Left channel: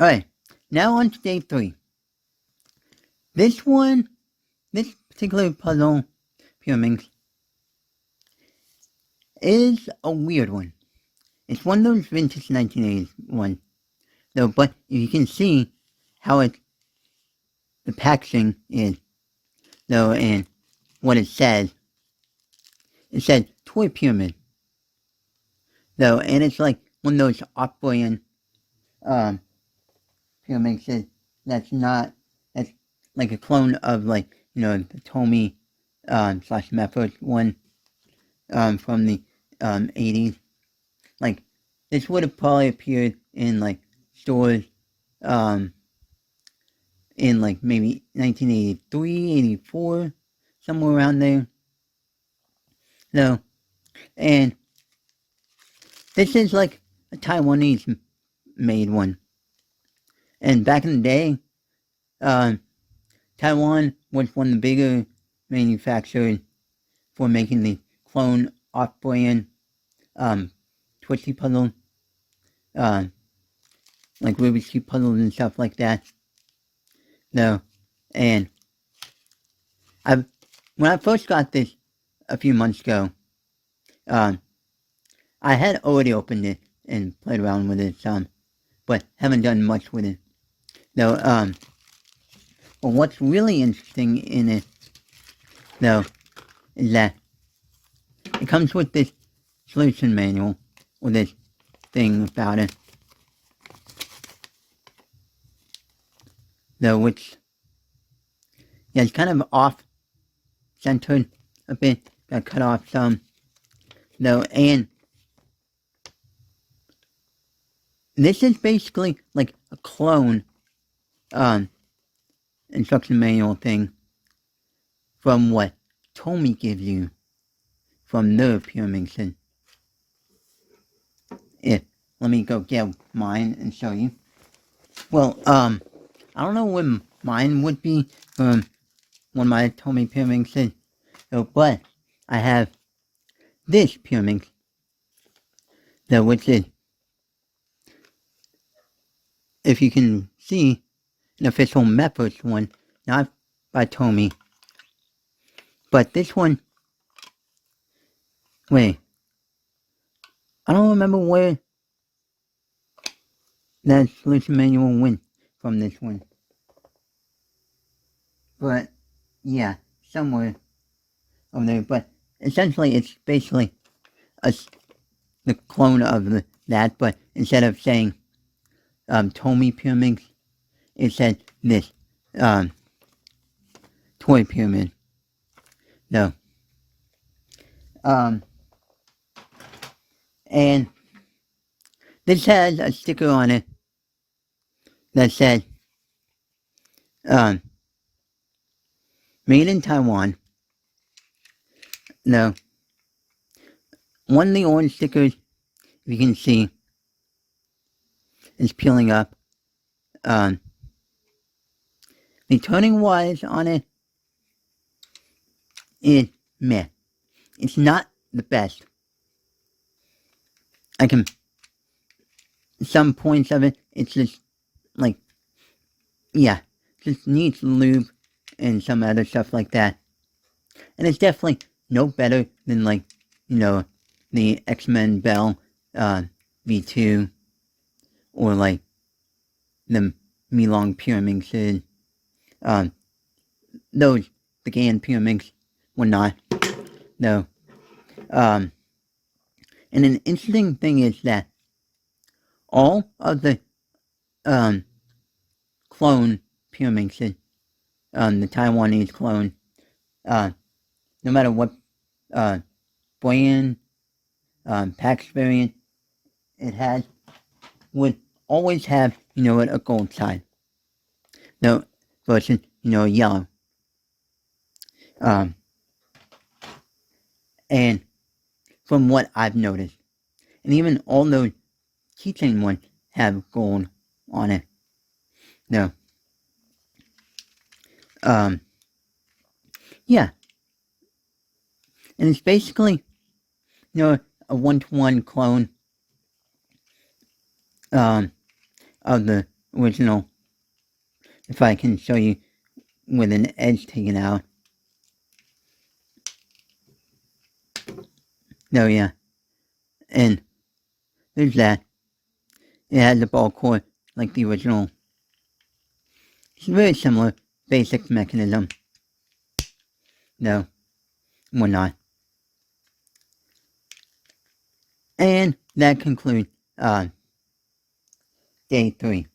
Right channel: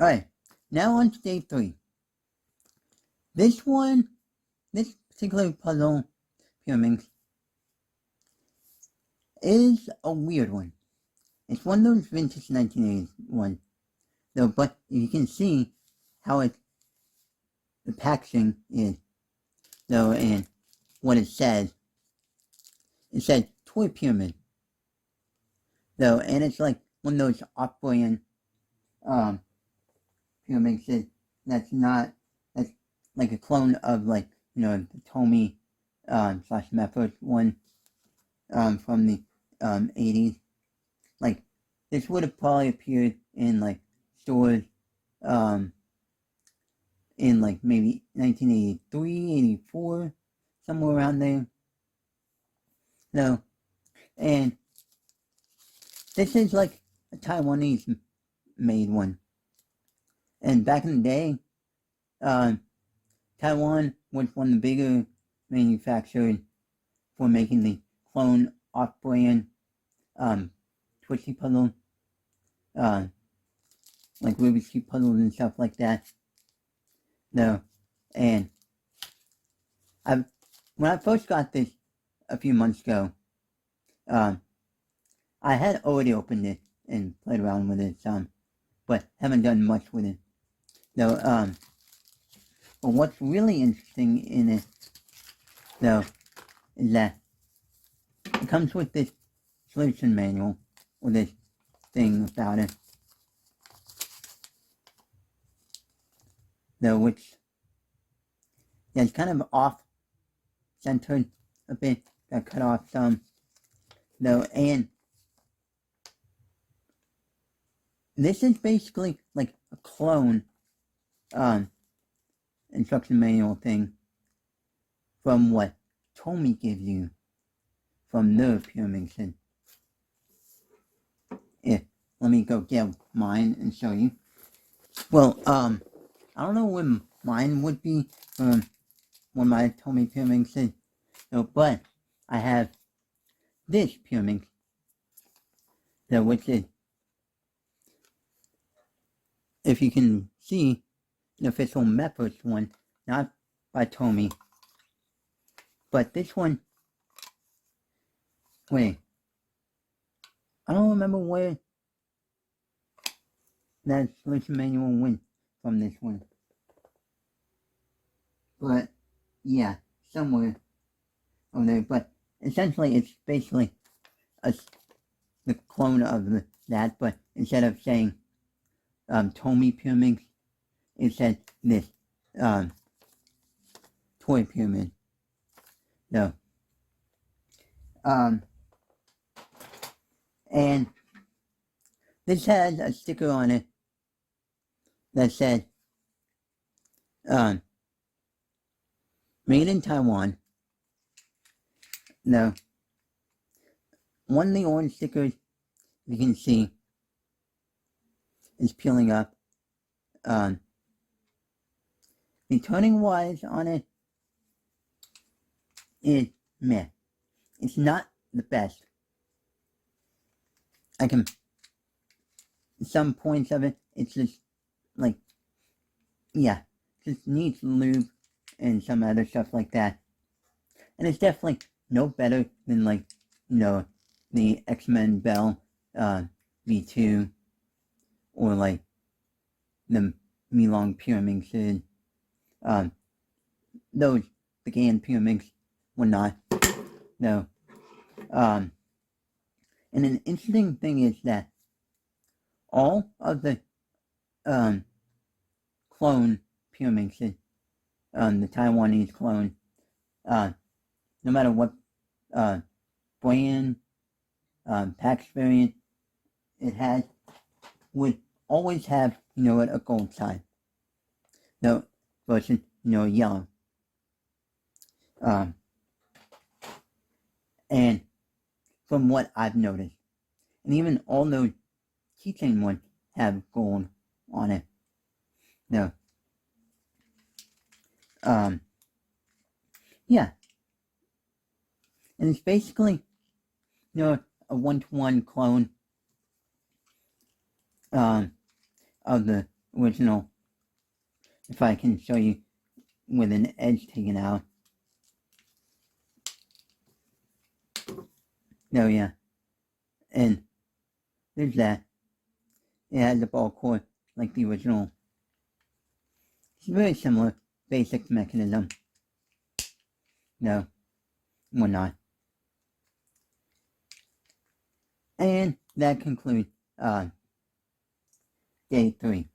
Alright, now on to day 3. This particular puzzle, pyramid, is a weird one. It's one of those vintage 1980s ones, though, but you can see how the packaging is, though, and what it says. It said toy pyramid, though, and it's like one of those off-brand pyramids that's like a clone of, like, the Tomy / Method one from the 80s. Like, this would have probably appeared in, like, stores in, like, maybe 1983, 84, somewhere around there. So, and this is, like, a Taiwanese made one. And back in the day, Taiwan was one of the bigger manufacturers for making the clone off-brand Twisty puzzle, like Rubik's Cube puzzles and stuff like that. No, and when I first got this a few months ago, I had already opened it and played around with it some, but haven't done much with it. Though, but what's really interesting in it, though, is that it comes with this solution manual, or this thing about it. Though, which, yeah, it's kind of off-centered a bit, got cut off some. Though, and this is basically like a clone instruction manual thing from what Tomy gives you from their pyramids. Let me go get mine and show you. Well, I don't know when mine would be from one of my Tomy pyramids, but I have this pyramid, which is, if you can see, an official Method one, not by Tomy. But this one, wait, I don't remember where that solution manual went from this one. But, yeah, somewhere over there. But essentially, it's basically the clone of that, but instead of saying Tomy pyramids, it said this toy pyramid. No. And this has a sticker on it that said made in Taiwan. No. One of the orange stickers, if you can see, is peeling up. The turning wise on it is meh. It's not the best. Some points of it, it's just, like, yeah, just needs lube and some other stuff like that. And it's definitely no better than, like, the X-Men Bell V2, or, like, the Milong pyramids. Those, the Gaian pyramids, were not. No. And an interesting thing is that all of the clone pyramids, the Taiwanese clone, no matter what brand, package variant it has, would always have, a gold side. No, versus, yellow. And from what I've noticed, and even all those keychain ones have gold on it. No. Yeah. And it's basically, a 1-to-1 clone of the original. If I can show you with an edge taken out. Oh yeah, and there's that. It has a ball cord like the original. It's very similar, basic mechanism. No, we're not. And that concludes day 3.